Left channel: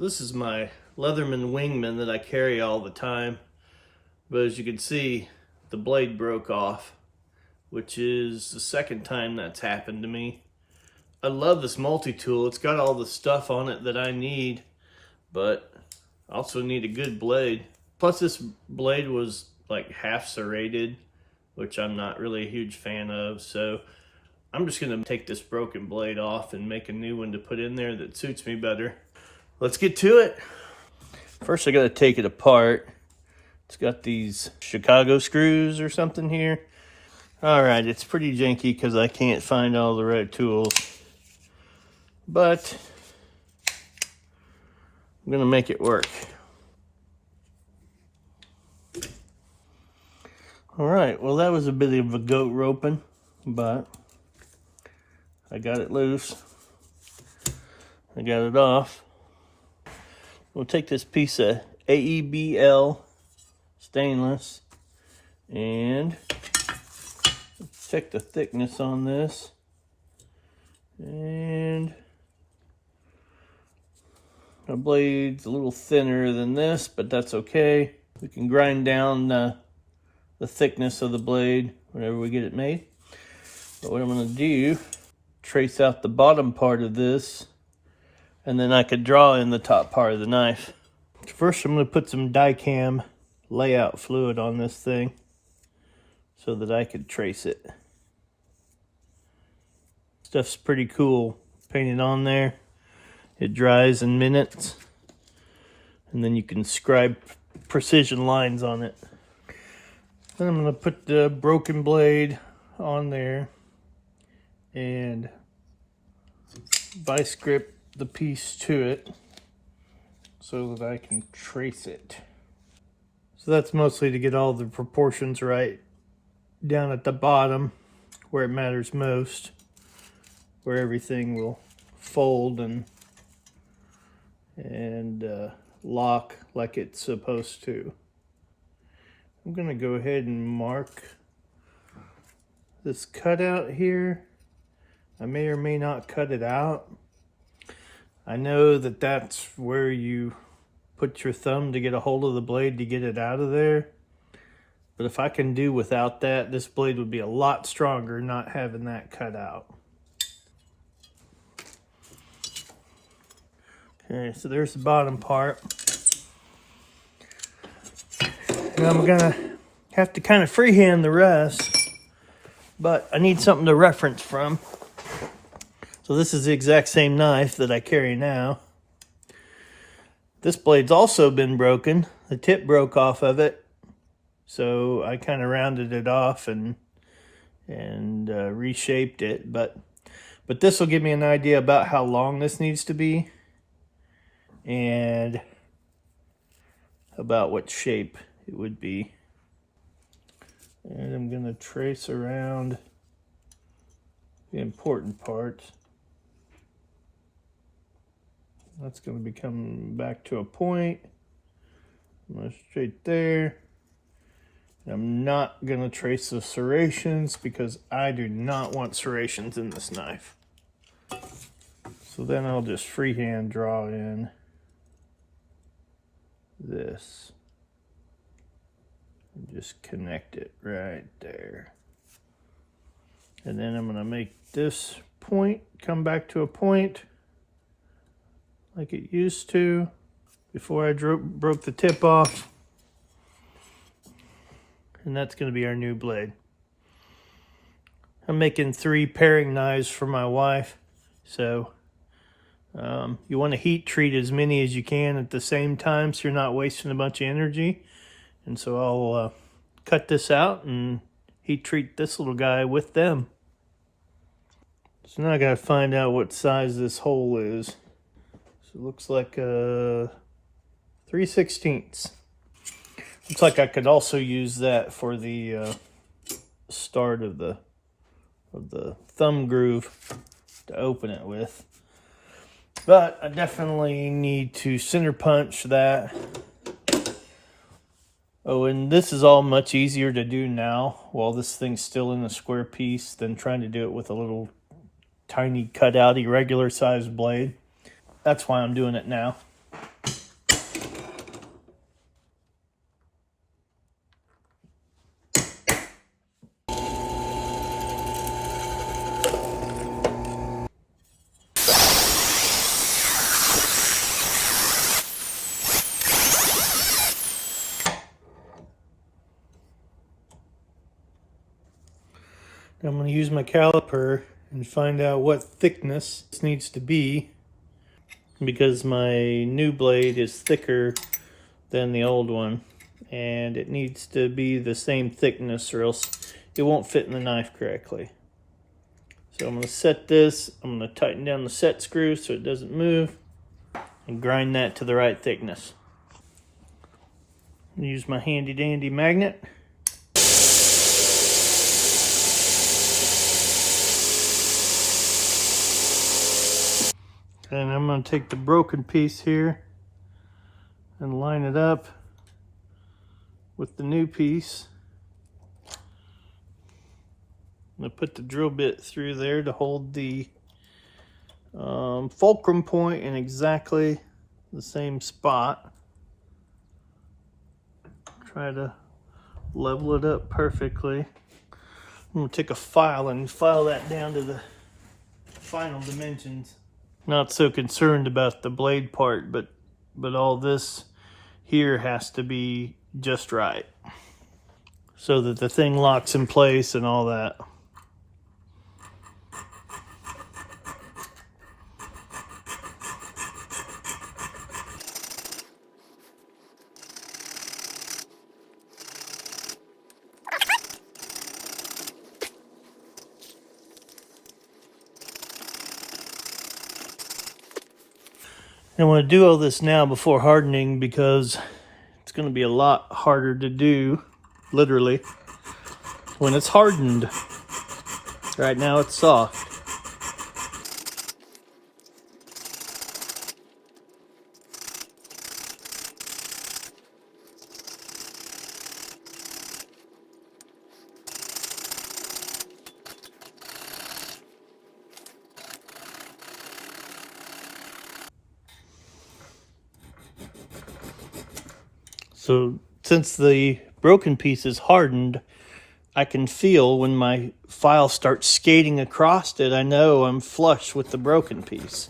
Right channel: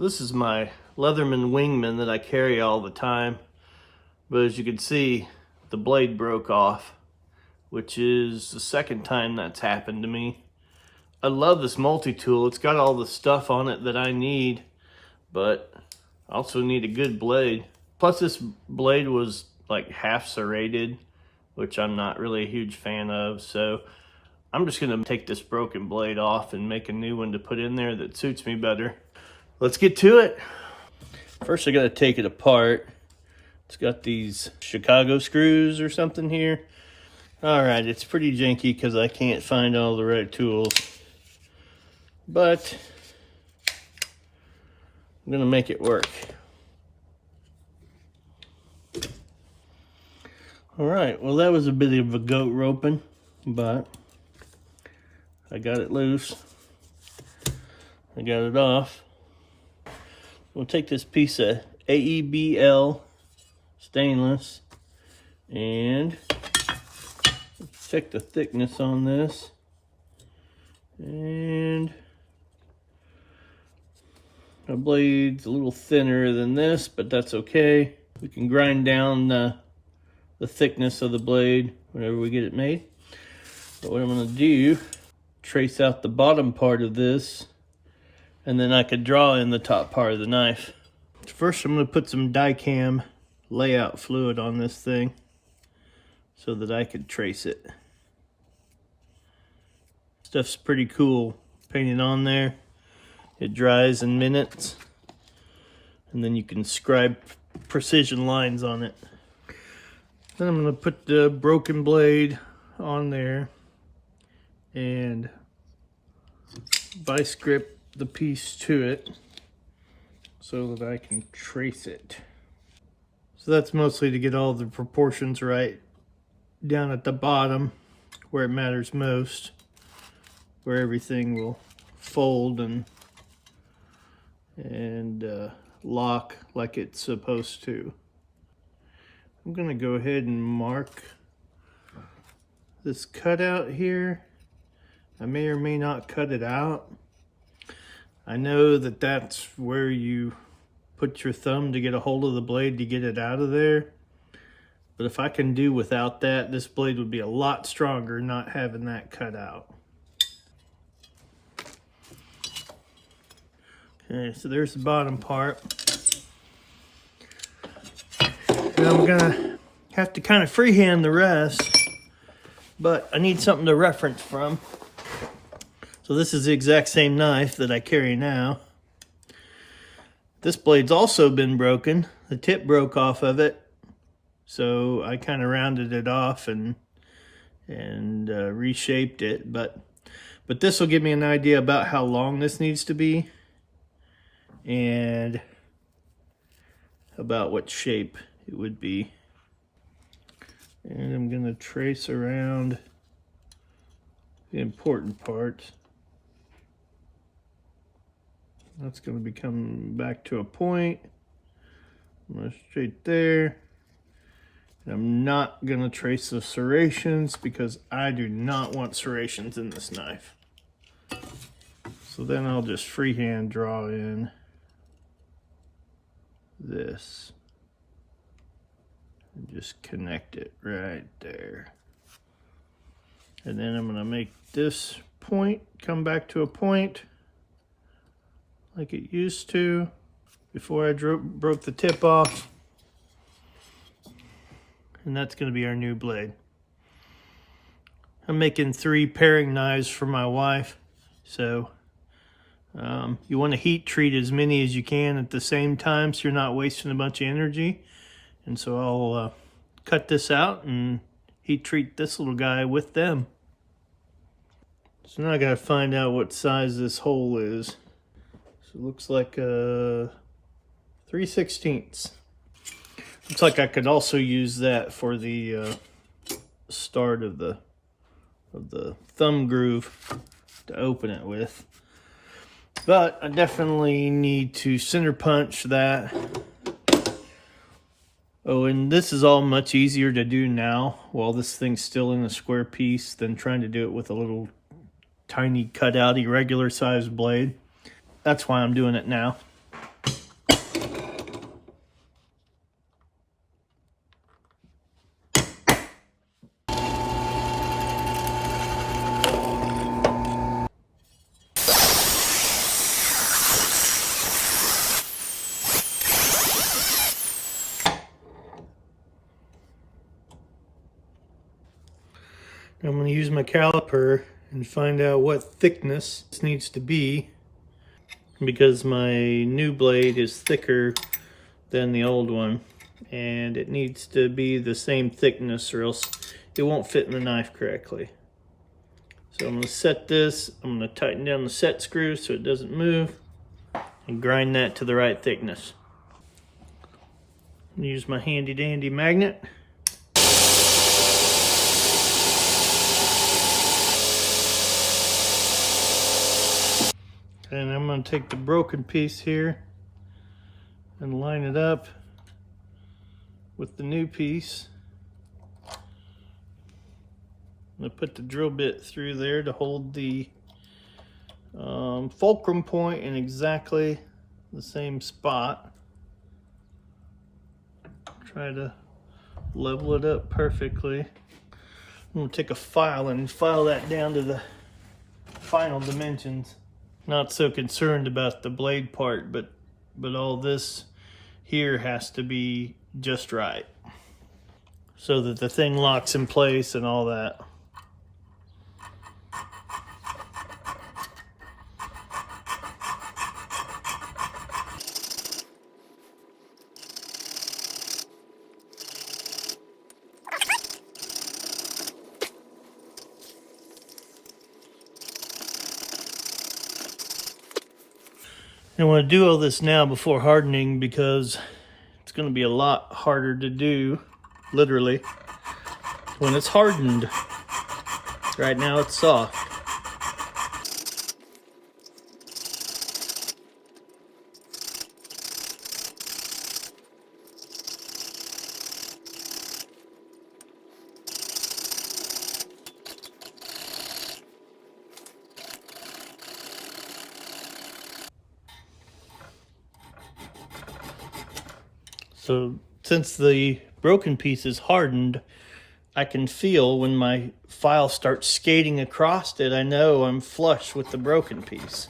This is my Leatherman Wingman that I carry all the time, but as you can see, the blade broke off, which is the second time that's happened to me. I love this multi-tool. It's got all the stuff on it that I need, but I also need a good blade. Plus this blade was like half serrated, which I'm not really a huge fan of, so I'm just gonna take this broken blade off and make a new one to put in there that suits me better. Let's get to it. First I gotta take it apart. It's got these Chicago screws or something here. All right, it's pretty janky because I can't find all the right tools, but I'm gonna make it work. All right, well that was a bit of a goat roping, but I got it loose. I got it off. We'll take this piece of AEBL stainless and check the thickness on this. And my blade's a little thinner than this, but that's okay. We can grind down the thickness of the blade whenever we get it made. But what I'm going to do, trace out the bottom part of this, and then I could draw in the top part of the knife. First I'm going to put some Dicam layout fluid on this thing so that I could trace it. Stuff's pretty cool. Painted on there. It dries in minutes. And then you can scribe precision lines on it. Then I'm going to put the broken blade on there and vice grip the piece to it so that I can trace it. So that's mostly to get all the proportions right down at the bottom where it matters most, where everything will fold and lock like it's supposed to. I'm gonna go ahead and mark this cutout here. I may or may not cut it out. I know that that's where you put your thumb to get a hold of the blade to get it out of there. But if I can do without that, this blade would be a lot stronger not having that cut out. Okay, so there's the bottom part. And I'm gonna have to kind of freehand the rest, but I need something to reference from. So this is the exact same knife that I carry now. This blade's also been broken. The tip broke off of it. So I kind of rounded it off and reshaped it. But this will give me an idea about how long this needs to be and about what shape it would be. And I'm going to trace around the important parts. That's going to be coming back to a point. I'm going to straight there. And I'm not going to trace the serrations because I do not want serrations in this knife. So then I'll just freehand draw in this. And just connect it right there. And then I'm going to make this point come back to a point like it used to before I broke the tip off. And that's going to be our new blade. I'm making 3 paring knives for my wife. So you want to heat treat as many as you can at the same time so you're not wasting a bunch of energy. And so I'll cut this out and heat treat this little guy with them. So now I got to find out what size this hole is. So it looks like 3/16. Looks like I could also use that for the start of the thumb groove to open it with. But I definitely need to center punch that. Oh, and this is all much easier to do now while this thing's still in a square piece than trying to do it with a little tiny cutout irregular sized blade. That's why I'm doing it now. I'm going to use my caliper and find out what thickness this needs to be, because my new blade is thicker than the old one, and it needs to be the same thickness or else it won't fit in the knife correctly. So I'm going to set this, I'm going to tighten down the set screw so it doesn't move, and grind that to the right thickness. Use my handy dandy magnet. And I'm going to take the broken piece here and line it up with the new piece. I'm going to put the drill bit through there to hold the fulcrum point in exactly the same spot. Try to level it up perfectly. I'm going to take a file and file that down to the final dimensions. Not so concerned about the blade part, but all this here has to be just right so that the thing locks in place and all that. I want to do all this now before hardening because it's going to be a lot harder to do, literally, when it's hardened. Right now it's soft. So since the broken piece is hardened, I can feel when my file starts skating across it, I know I'm flush with the broken piece.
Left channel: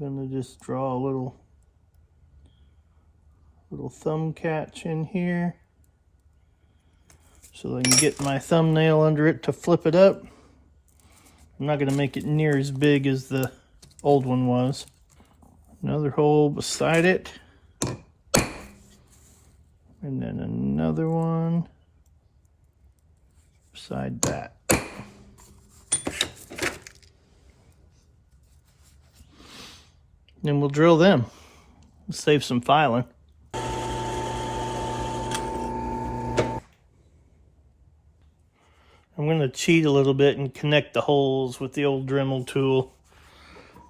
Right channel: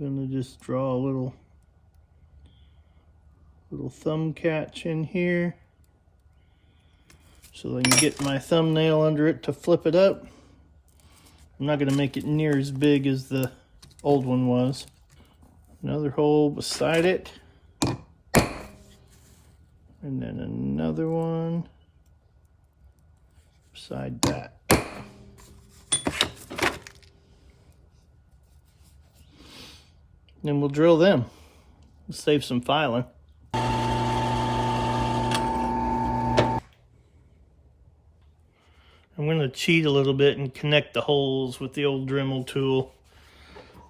I'm gonna just draw a little thumb catch in here so I can get my thumbnail under it to flip it up. I'm not gonna make it near as big as the old one was. Another hole beside it. And then another one beside that. Then we'll drill them. We'll save some filing. I'm going to cheat a little bit and connect the holes with the old Dremel tool.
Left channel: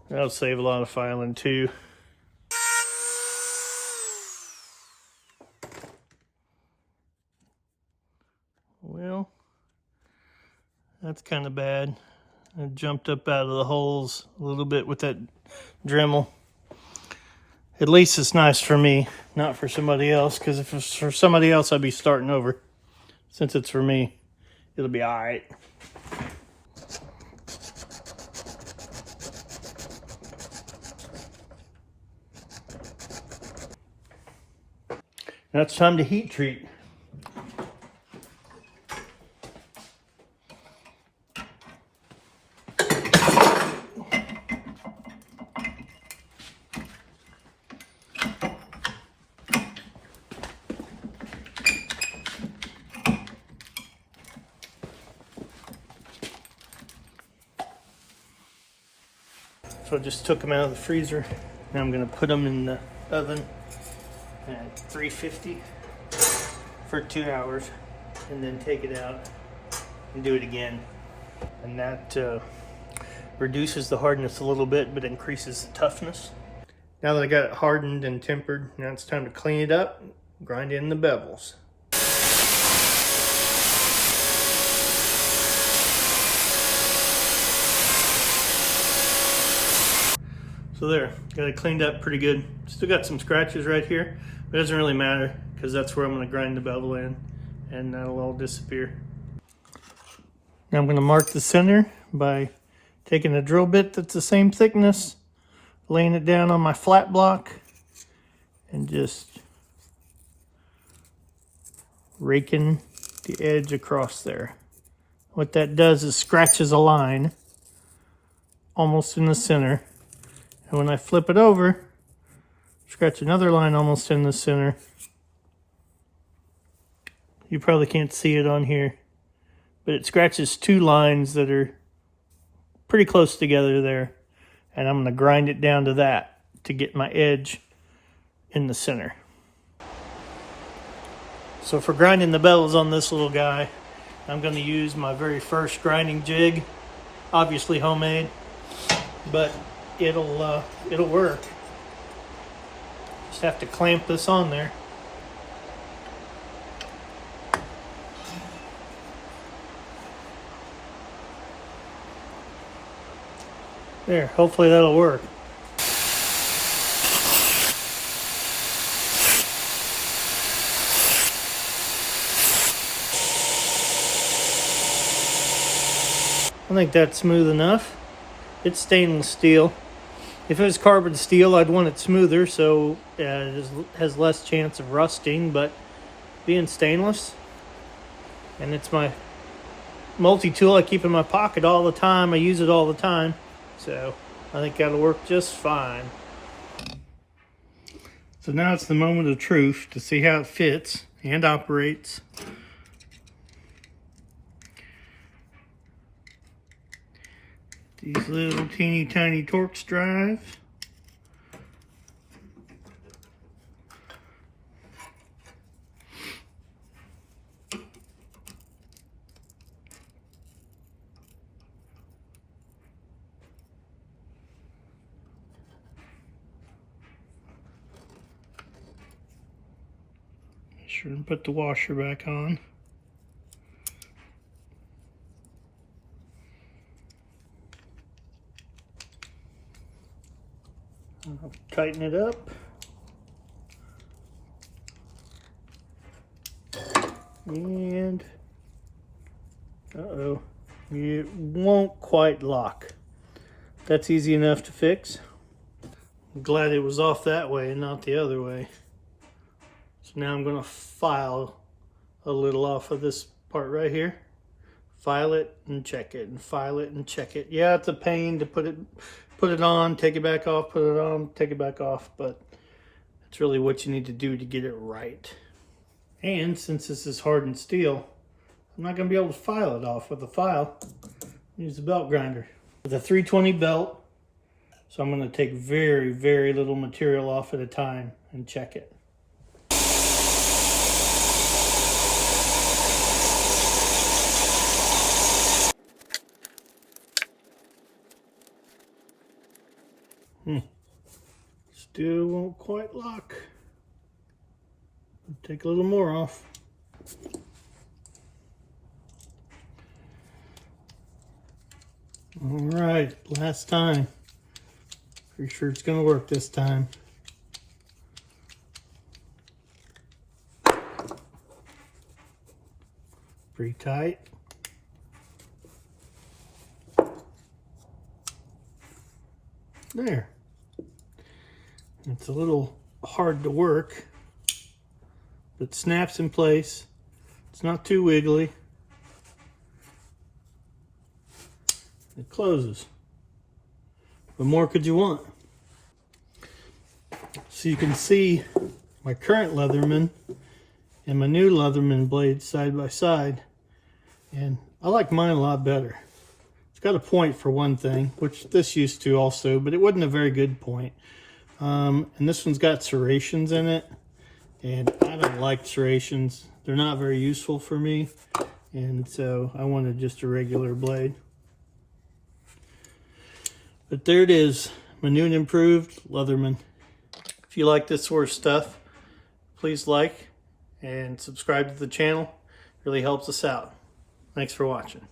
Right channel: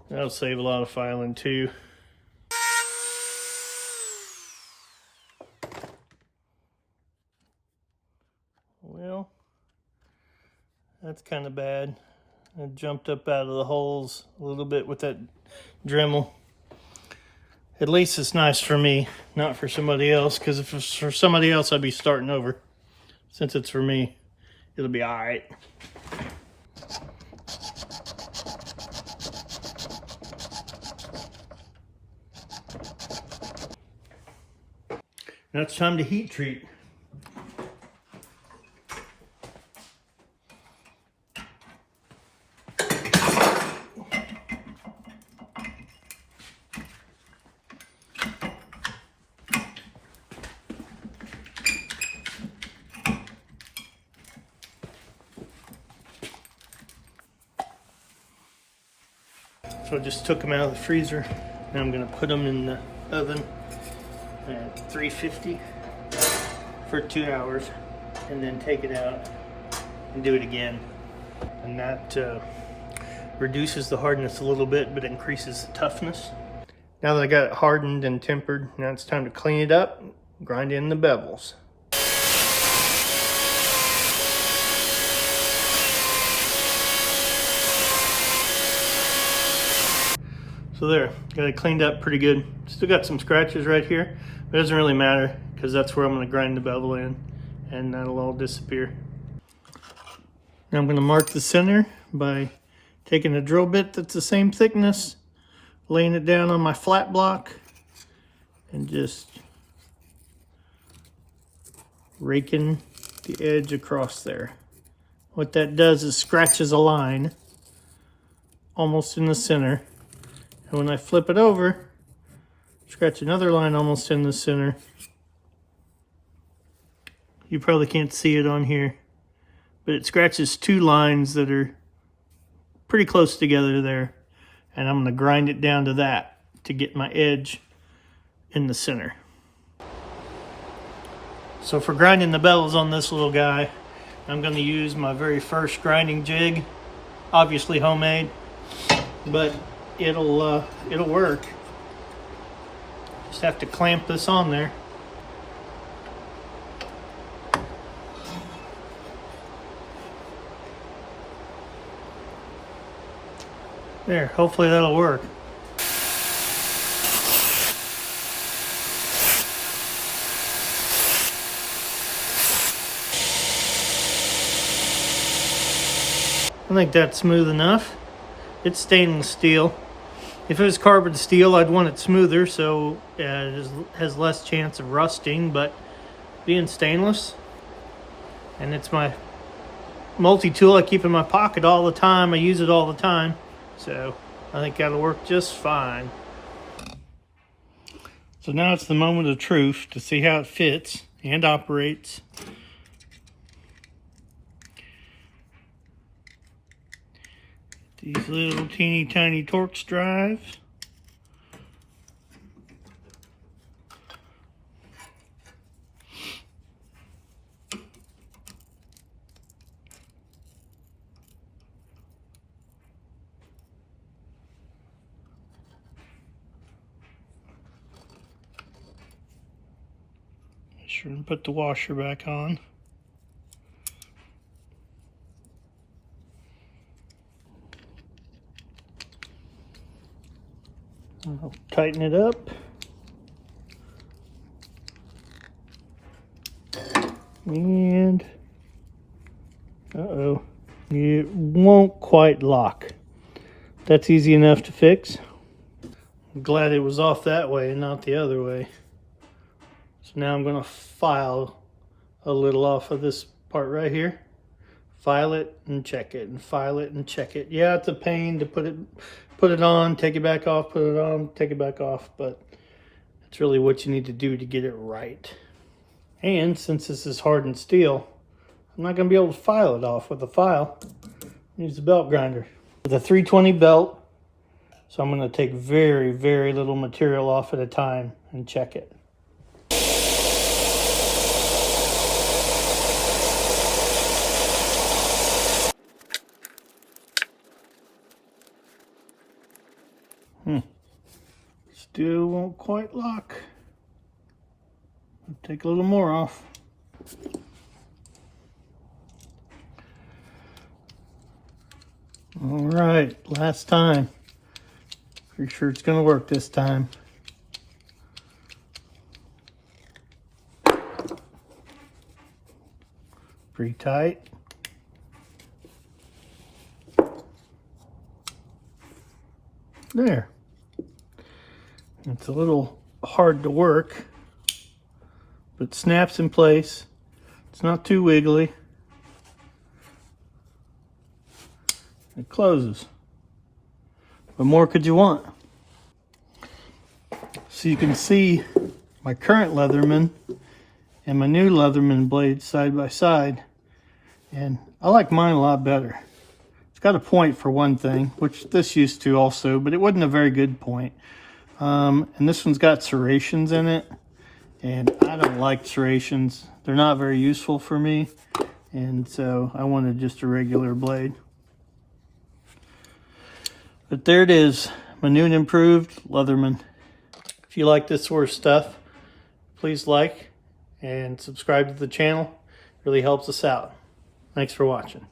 That'll save a lot of filing too. Well, that's kind of bad. I jumped up out of the holes a little bit with that Dremel. At least it's nice for me, not for somebody else, because if it's for somebody else, I'd be starting over. Since it's for me, it'll be all right. Now it's time to heat treat. So I just took them out of the freezer. Now I'm going to put them in the oven at 350 for 2 hours, and then take it out and do it again. And that reduces the hardness a little bit, but increases the toughness. Now that I got it hardened and tempered, now it's time to clean it up, grind in the bevels. So there, got it cleaned up pretty good. Still got some scratches right here, but it doesn't really matter because that's where I'm going to grind the bevel in, and that'll all disappear. Now I'm going to mark the center by taking a drill bit that's the same thickness, laying it down on my flat block, and just raking the edge across there. What that does is scratches a line almost in the center. And when I flip it over, scratch another line almost in the center. You probably can't see it on here, but it scratches two lines that are pretty close together there. And I'm going to grind it down to that to get my edge in the center. So for grinding the bellows on this little guy, I'm going to use my very first grinding jig, obviously homemade, but it'll work. Just have to clamp this on there. There, hopefully that'll work. I think that's smooth enough. It's stainless steel. If it was carbon steel, I'd want it smoother so it has less chance of rusting, but being stainless, and it's my multi-tool I keep in my pocket all the time, I use it all the time, so I think that'll work just fine. So now it's the moment of truth to see how it fits and operates. These little teeny tiny Torx drives. Make sure to put the washer back on. I'll tighten it up. And it won't quite lock. That's easy enough to fix. I'm glad it was off that way and not the other way. So now I'm going to file a little off of this part right here. File it and check it, and file it and check it. Yeah, it's a pain to put it on, take it back off, put it on, take it back off, but it's really what you need to do to get it right. And since this is hardened steel, I'm not going to be able to file it off with a file. Use the belt grinder. With a 320 belt, so I'm going to take very, very little material off at a time and check it. Still won't quite lock. I'll take a little more off. All right, last time. Pretty sure it's gonna work this time. Pretty tight. There. It's a little hard to work, but snaps in place. It's not too wiggly. It closes. What more could you want? So you can see my current leatherman and my new leatherman blade side by side, and I like mine a lot better. It's got a point for one thing, which this used to also, but it wasn't a very good point. And this one's got serrations in it, and I don't like serrations. They're not very useful for me, and so I wanted just a regular blade. But there it is, my new and improved leatherman. If you like this sort of stuff, please like and subscribe to the channel. It really helps us out. Thanks for watching.